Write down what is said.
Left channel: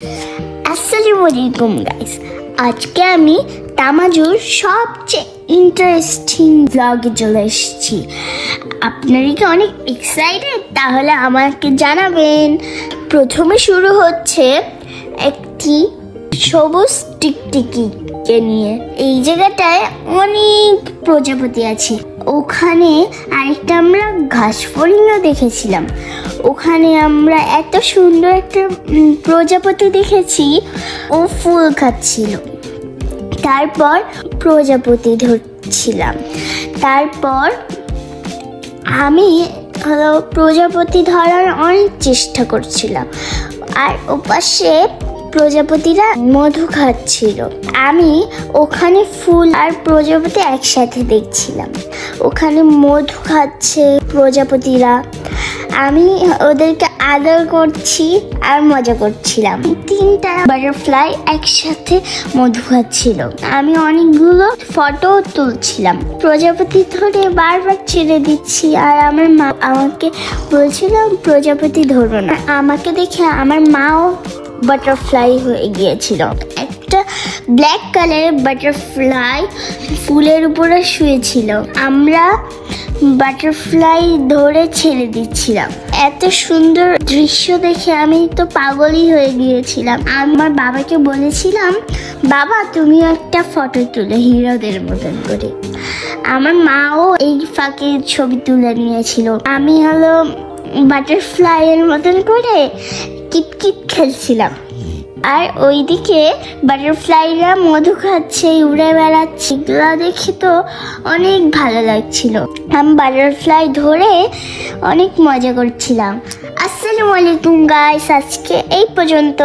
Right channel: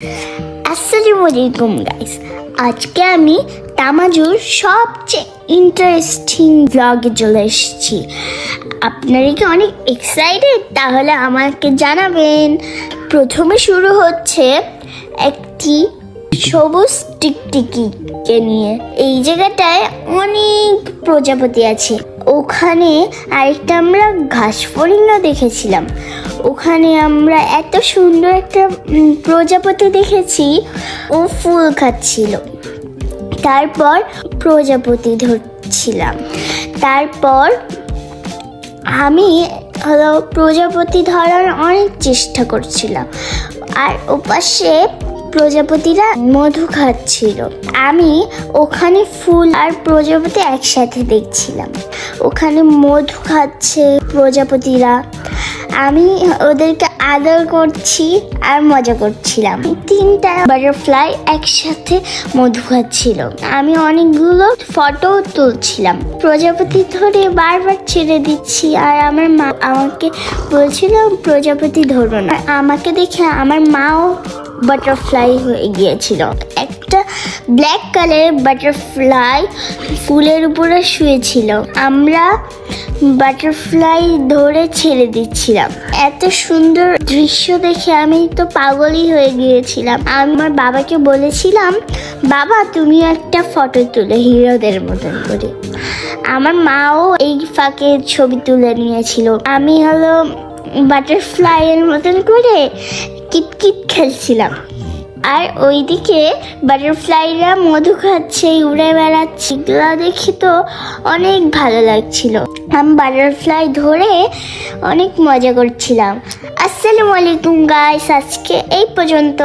আসসালামু আলাইকুম গাইস, আজকে আমি তামাজুর সবচেয়ে ইন্টারেস্টিং ব্লগে চলে এসেছি। আপনারা কি অনেক এক্সাইটেড? তাহলে আমাকে জানাবেন। প্রথমে শুরু হচ্ছে একটি সবুজ টিকটিকিকে নিয়ে। এই জায়গাটায় অনেক প্রজাপতি আছে। ওখানে আরেকটা আমরা ঘাস ফড়িংও দেখেছিলাম। ওখানে আমরা এত সুন্দর একটা প্রজাপতি দেখেছি, ও ফুল খাচ্ছিল। তারপর প্রজাপতি ধরছিলাম। তারপর আমি প্রজাপতি ধরার অনেক চেষ্টা করছিলাম, আর ওপাশে প্রজাপতিরা মধু খাচ্ছিল। আমি ওখানে ফুল আর প্রজাপতি একসাথে দেখছিলাম। ওখানে মধু খাচ্ছে প্রজাপতিরা, আমি ওদেরকে আদর করছি আর মজা করছিলাম। তিনটা বাটারফ্লাই একসাথে মধু খাচ্ছিল। আমি অনেকগুলো ফটো তুলছিলাম। প্রজাপতি ধরে বারবার ছেড়ে দিচ্ছি, আর আমার মা আমাকে বলছিল প্রজাপতি ধরো না। আমাকে দেখে আমার মাও বাটারফ্লাই হয়ে গিয়েছিল। একটা ব্ল্যাক কালারের বাটারফ্লাই ফুলের উপরে শুয়েছিল। আমরা বাটারফ্লাই ধরে ছেড়ে দিচ্ছিলাম। এত সুন্দর দৃশ্য দেখে আমি তো পাগলই হয়ে গিয়েছিলাম। আমার বাবাকে বলেছিলাম, বাবা তুমি একটা ফটো তুলে হিরোদের মতন। আমার মাও এই ফাঁকে ছবি তুলে নিয়েছিল। আমি বাটারফ্লাই এর মতন করে কিটকিট খেলছিলাম, আর ওইদিকে বাটারফ্লাইরা মধু খাচ্ছে, উড়ে বেড়াচ্ছে। এগুলো দেখে তো অনেক ভালো লাগছিল। আমি বাটারফ্লাই ধরে অনেক মজা করছিলাম। আসসালামু আলাইকুম গাইস, আজকে এই পর্যন্ত।